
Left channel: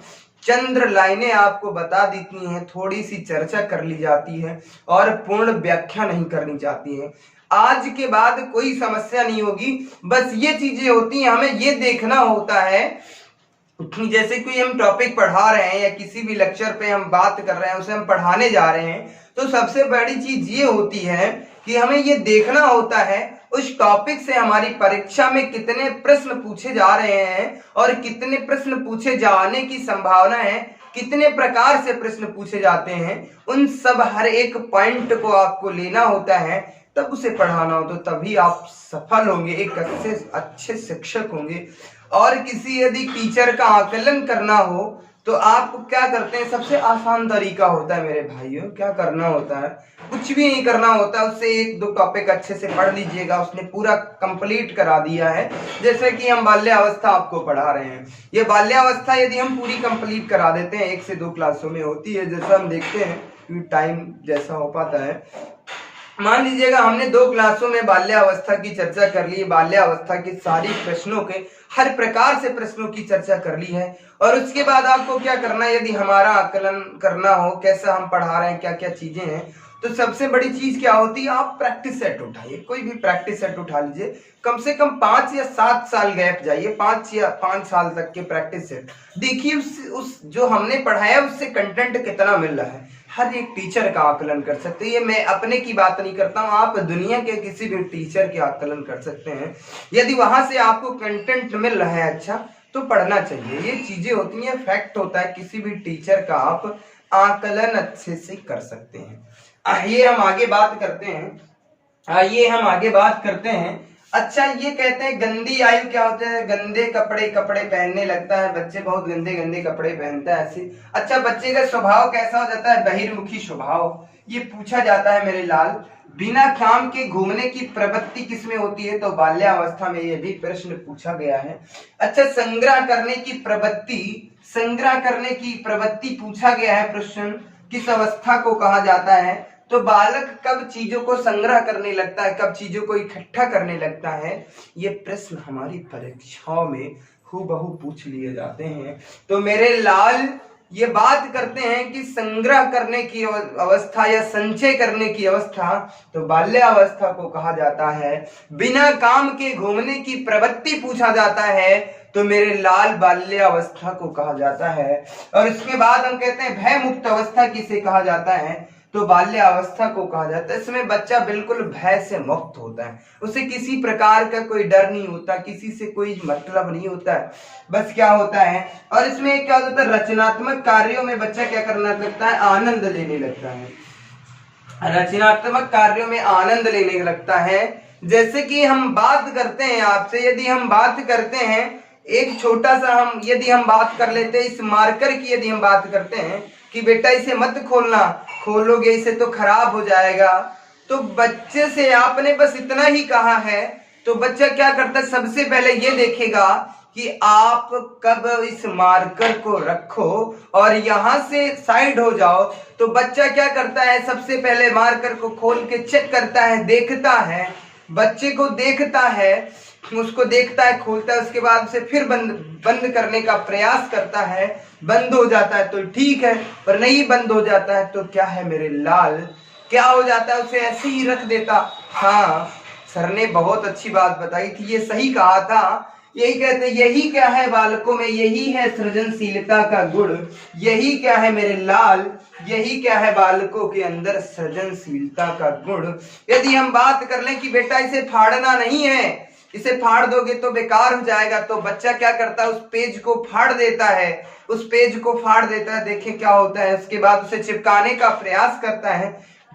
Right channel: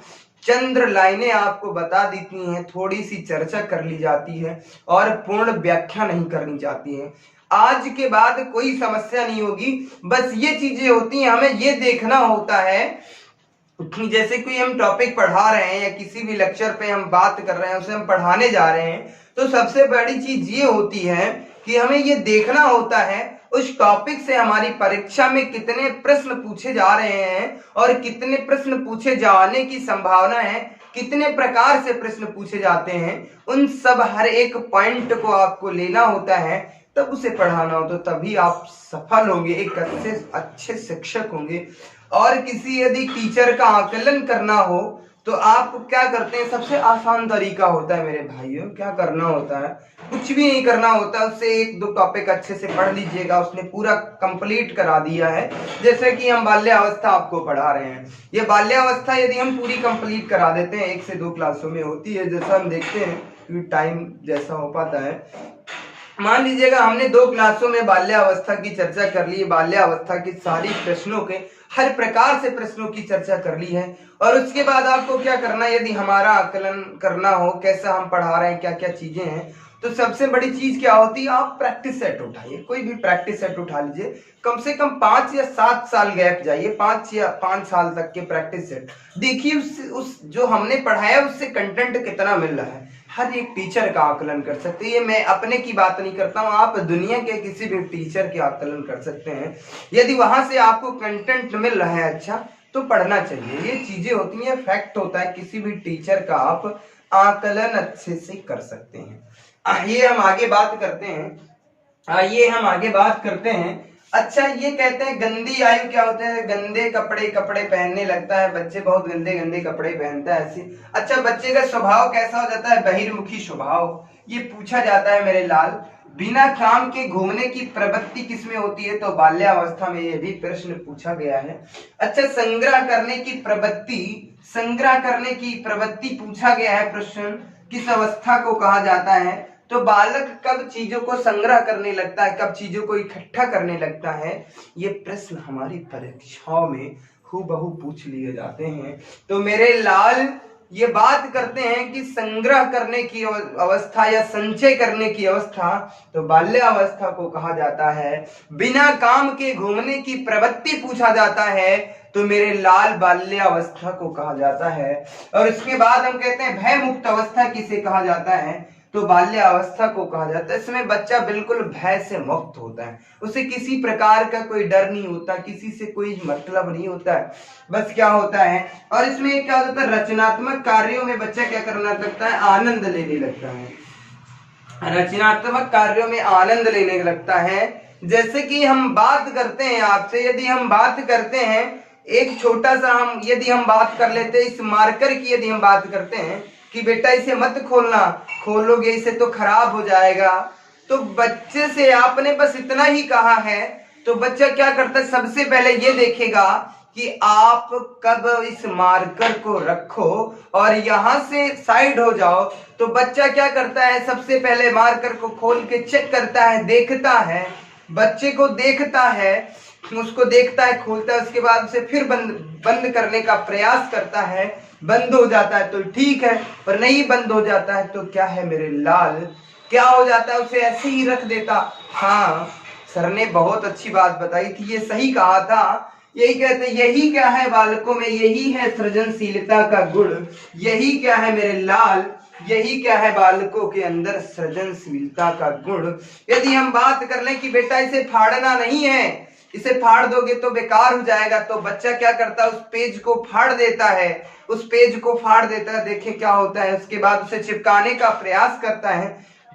चंद्र लाइनें आपको बता देती हैं, थोड़ी सी चर्चा कर ली जाती है और पूर्ण व्याख्या नहीं करनी चाहती है। आज के बाद कोई समस्या नहीं होगी, बस ये चीजें होती हैं, हमें ये देखना होता है कि जैसे कोई हम टॉपिक पढ़ा रहे हैं या किसी भी लेक्चर पे हम बात कर रहे हैं, उसे हम पढ़ाने जा रहे हैं, तो सबसे बड़ी चीज ये होती है कि हमें ये देखना होता है उस टॉपिक से हमारी परीक्षा में कितने प्रश्न पूछे जा रहे हैं और कितने प्रश्न पूछे जाने की संभावना है, कितने प्रकार से प्रश्न पूछे जाते हैं। उन सब हर एक पॉइंट को आपको लेना होता है, तब उसे पढ़ाना हो, तो तभी आप सफल होंगे, एक अच्छे शिक्षक होंगे। और किसी यदि टीचर का आकलन करना हो तो आप क्या करते हैं, सबसे आसान तरीका होता है मेरे भाइयों, क्या करना होता है, कुछ भी नहीं करना होता, उससे एक दो टॉपिक अच्छे से पढ़ लीजिएगा, उसने पूरा कंप्लीट करा दिया है। जैसे कि हम बाल्यावस्था आपको पढ़ा रहे हैं, ये बाल्यावस्था यदि हम पूरी कंप्लीट करा देते हैं, 1 से 2 क्लासों में होती है, जैसा हम देखते हैं टाइम जैसा हो पाता है। मान लीजिएगा हमने 2 क्लासों में बाल्यावस्था की चर्चा कर ली, बाल्यावस्था के सारी प्रश्नों के हर प्रकार से प्रश्नों की चर्चा कर ली है। और उसके बाद आपको क्या करना है, यदि हमारा आकलन करना हो कैसा हम पढ़ा रहे हैं, क्या क्या चीजें हैं, तो सबसे बड़ी चीज क्या होती है, आप प्रैक्टिस सेट उठाइए, कोई भी प्रैक्टिस सेट उठा लीजिए, कम से कम 5 या 7 साल गैप जाइए, 5 साल तक के प्रैक्टिस सेट देखिए, उस जो हमने पढ़ाया उससे कंटेंट कितना मिल रहा है। हर एक टीचर का आकलन कर सकते हैं, ये मैं अपने की बात नहीं करता हूँ, आप दुनिया के किसी भी टीचर के आकलन कर सकते हैं। यदि वहां से आपको कंटेंट मिल रहा है अच्छा, तो पढ़ना चाहिए। ये चीजें होती हैं, फैक्ट होता है, किसी भी टीचर का आप आकलन अच्छे से कर सकते हैं। ये हम आगे बात करते हैं, ये हम आगे बात करते हैं। अच्छा, ये कहते हैं गंदी आयु क्या होता है, गंदे कपड़े पहनने लगता है, बच्चे बहुत गंदे कपड़े पहनता है ऐसे। अच्छा, बच्चे का स्वभाव कैसा हो जाता है, बहिर्मुखी स्वभाव, ये पूछा जाता है मेरे लाल। बिना काम के घूमने की प्रवृत्ति किसमें होती है, तो बाल्यावस्था में, ये भी प्रश्न पूछा गया है। अच्छा, संग्रह करने की प्रवृत्ति पूछा गया है प्रश्न, किस अवस्था को कहा जाता है, तो बालक कब चीजों को संग्रह करने लगता है, कब चीजों को इकट्ठा करने लगता है, ये प्रश्न हमारी परीक्षाओं में हूबहू पूछ लिए जाते हैं। तो मेरे लाल ये बात करते हैं कि संग्रह करने की अवस्था या संचय करने की अवस्था, तो बाल्यावस्था को कहा जाता है। बिना काम के घूमने की प्रवृत्ति पूछा जाता है, तो मेरे लाल बाल्यावस्था को कहा जाता है। और इसके बाद हम कहते हैं भय मुक्त अवस्था किसे कहा जाता है, तो बाल्यावस्था को कहा जाता है। इसमें बच्चा बिल्कुल भय से मुक्त होता है, उसे किसी प्रकार का कोई डर नहीं होता, किसी से कोई मतलब नहीं होता है, बस क्या होता है। और इसमें क्या होता है, रचनात्मक कार्यों में बच्चा क्या करना लगता है, आनंद लेने लगता है। रचनात्मक कार्यों में आनंद लेने लगता है। जैसे कि हम बात करते हैं आपसे, यदि हम बात करते हैं एक छोटा सा, यदि हम बात कर लेते हैं इस मार्कर की, यदि हम बात करते हैं कि बेटा इसे मत खोलना, खोलोगे इसे तो खराब हो जाएगा, तो बच्चे से आपने बस इतना ही कहा है, तो बच्चा क्या करता है, सबसे पहले ये देखेगा कि आप कब इस मार्कर को रखो और यहां से साइड हो जाओ। तो बच्चा क्या करता है, सबसे पहले मार्कर को खोल के चेक करता है, देखता है, बच्चे को देखता है, उसको देखता है, खोलता है, उसके बाद उसे फिर बंद करने का प्रयास करता है। बंद हो जाता है तो ठीक है, पर नहीं बंद हो जाता है तो क्या है मेरे लाल, क्या हो जाता है, उसे ऐसे ही रख देता। हाँ, सर ने बहुत अच्छी बात बताई थी, ये सही कहा था। यही कहते, यही क्या है बालकों में, यही है सृजनशीलता का गुण, यही क्या है मेरे लाल, यही क्या है बालकों के अंदर सृजनशीलता का गुण। यदि हम बात कर लें कि बेटा इसे फाड़ना नहीं है, इसे फाड़ दोगे तो बेकार हो जाएगा, तो बच्चा क्या करता है, उस पेज को फाड़ देता है, उस पेज को फाड़ देता है। देखिए क्या होता है, उसके बाद उसे चिपकाने का प्रयास करता है,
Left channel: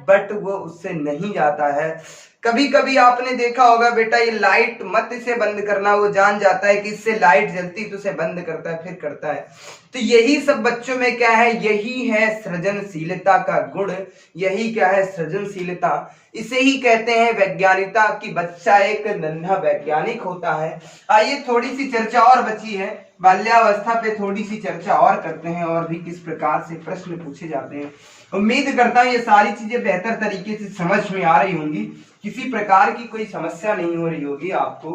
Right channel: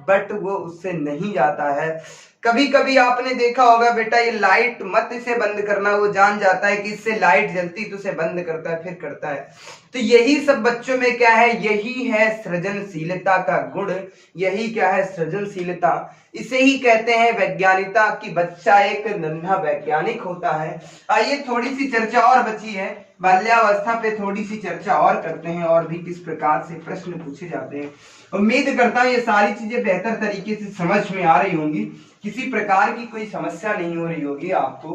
बट वो उससे नहीं जाता है। कभी कभी आपने देखा होगा बेटा, ये लाइट मत इसे बंद करना, वो जान जाता है कि इससे लाइट जलती, तो उसे बंद करता है, फिर करता है। तो यही सब बच्चों में क्या है, यही है सृजनशीलता का गुण, यही क्या है सृजनशीलता। इसे ही कहते हैं वैज्ञानिकता, कि बच्चा एक नन्हा वैज्ञानिक होता है। आइए थोड़ी सी चर्चा और बची है, बाल्यावस्था पे थोड़ी सी चर्चा और करते हैं, और भी किस प्रकार से प्रश्न पूछे जाते हैं। उम्मीद करता हूँ ये सारी चीजें बेहतर तरीके से समझ में आ रही होंगी, किसी प्रकार की कोई समस्या नहीं हो रही होगी आपको।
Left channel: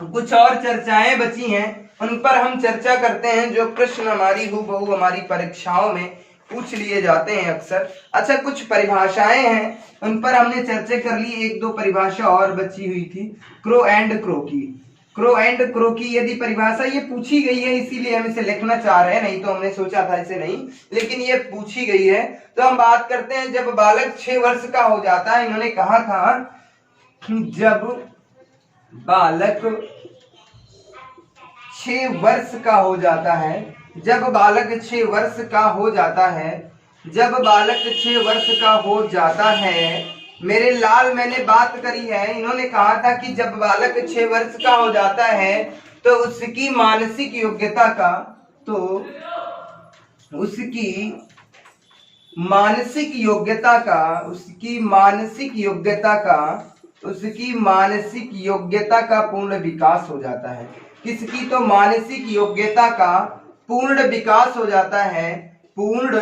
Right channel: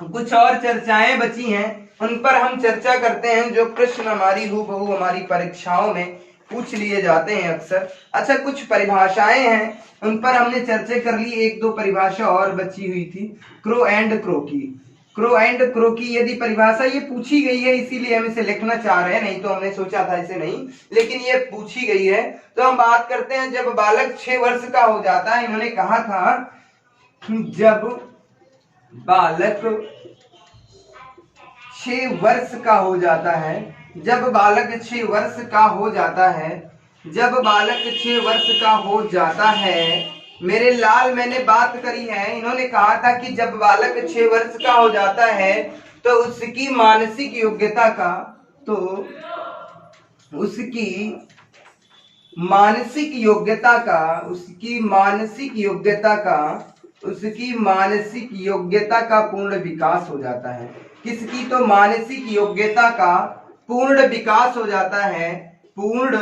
कुछ और चर्चाएं बची हैं, उन पर हम चर्चा करते हैं, जो प्रश्न हमारी हूबहू हमारी परीक्षाओं में पूछ लिए जाते हैं अक्सर। अच्छा, कुछ परिभाषाएं हैं, उन पर हमने चर्चा कर ली, एक दो परिभाषा और बची हुई थी। क्रो एंड क्रो की, क्रो एंड क्रो की यदि परिभाषा ये पूछी गई है, इसीलिए हम इसे लिखना चाह रहे हैं, नहीं तो हमने सोचा था इसे नहीं, लेकिन ये पूछी गई है। तो हम बात करते हैं, जब बालक 6 वर्ष का हो जाता है, इन्होंने कहा था जब बालक 6 वर्ष का हो जाता है, जब बालक 6 वर्ष का हो जाता है, जब बालक 6 वर्ष का हो जाता है, मेरे लाल मैंने बात करी है, इन्होंने कहा था कि जब बालक 6 वर्ष का हो जाता है तो उसकी मानसिक योग्यता का, तो उसकी मानसिक योग्यता का, उसकी मानसिक योग्यता का, उसकी मानसिक योग्यता का पूर्ण विकास हो जाता है। किसकी, तो मानसिक योग्यता का पूर्ण विकास हो जाता है, पूर्ण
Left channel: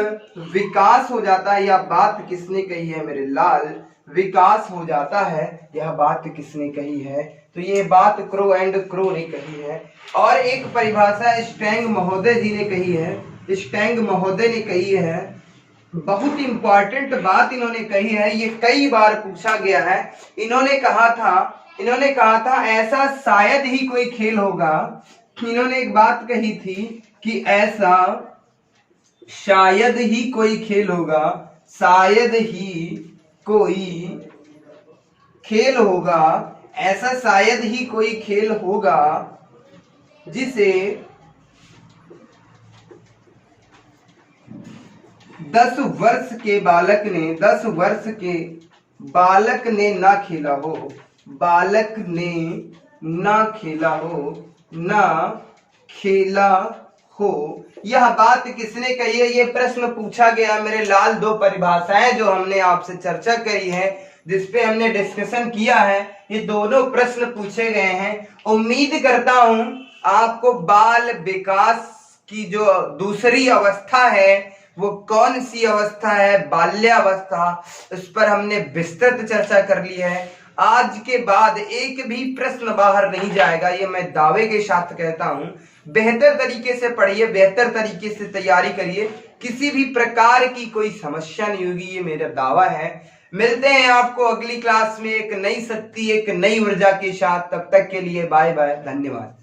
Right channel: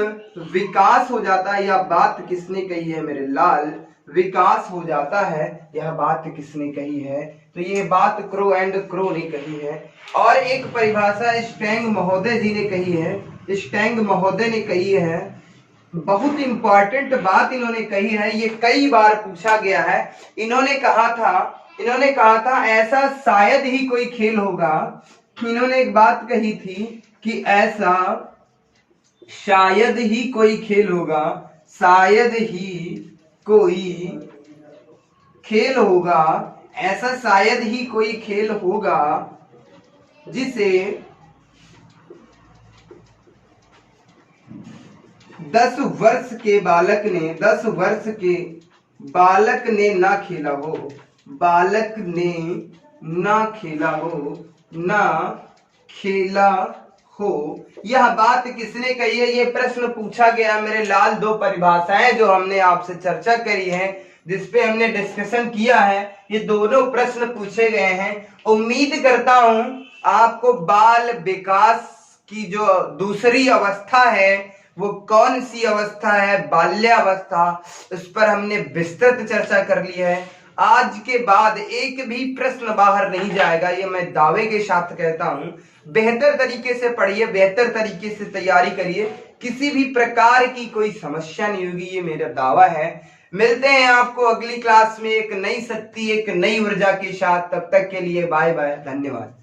विकास हो जाता है। यह बात किसने कही है मेरे लाल, विकास हो जाता है, यह बात किसने कही है, तो ये बात क्रो एंड क्रो ने कही है। और एक परिभाषा स्टैंग महोदय जी ने कही है, स्टैंग महोदय ने कही है, बहुत इंपॉर्टेंट बात इन्होंने कही है, ये कई बार पूछा गया है। इन्होंने कहा था ऐसा शायद ही कोई खेल होगा, इन्होंने एक बात कही थी कि ऐसा शायद ही कोई खेल होगा, शायद ही कोई खेल होगा, ऐसा शायद ही कोई खेल होगा जिसे 10 वर्ष के बालक ने, 10 वर्ष के बालक ने ना खेला हो, बालक ने ना खेला हो, ना खेला हो। यह बात किसने कही है, ये प्रश्न पूछा गया मेरे लाल। 2 परिभाषाएं जो हमने आपसे चर्चा करी है, जिसपे हमने डिस्कशन किया है, ये दोनों प्रश्न पूछे गए हैं। उम्मीद करता हूं आपको बाल विकास की जो दूसरी अवस्था है, वो कौन सी अवस्था है, बाल्यावस्था, उस पर हमने विस्तृत चर्चा कर ली है। आज के बाद एक भी प्रश्न बाहर नहीं जाएगा, ये मैं दावे के साथ कहता हूं। बेहतर तरीके से पढ़िए, बेहतर तरीके से तैयारी करिए, किसी भी प्रकार की कोई समस्या नहीं होगी, ये मेरा दावा है। मिलते हैं आपको अगली क्लास में एक नई शक्ति, एक नई ऊर्जा के साथ। तब तक के लिए बाय बाय, धन्यवाद।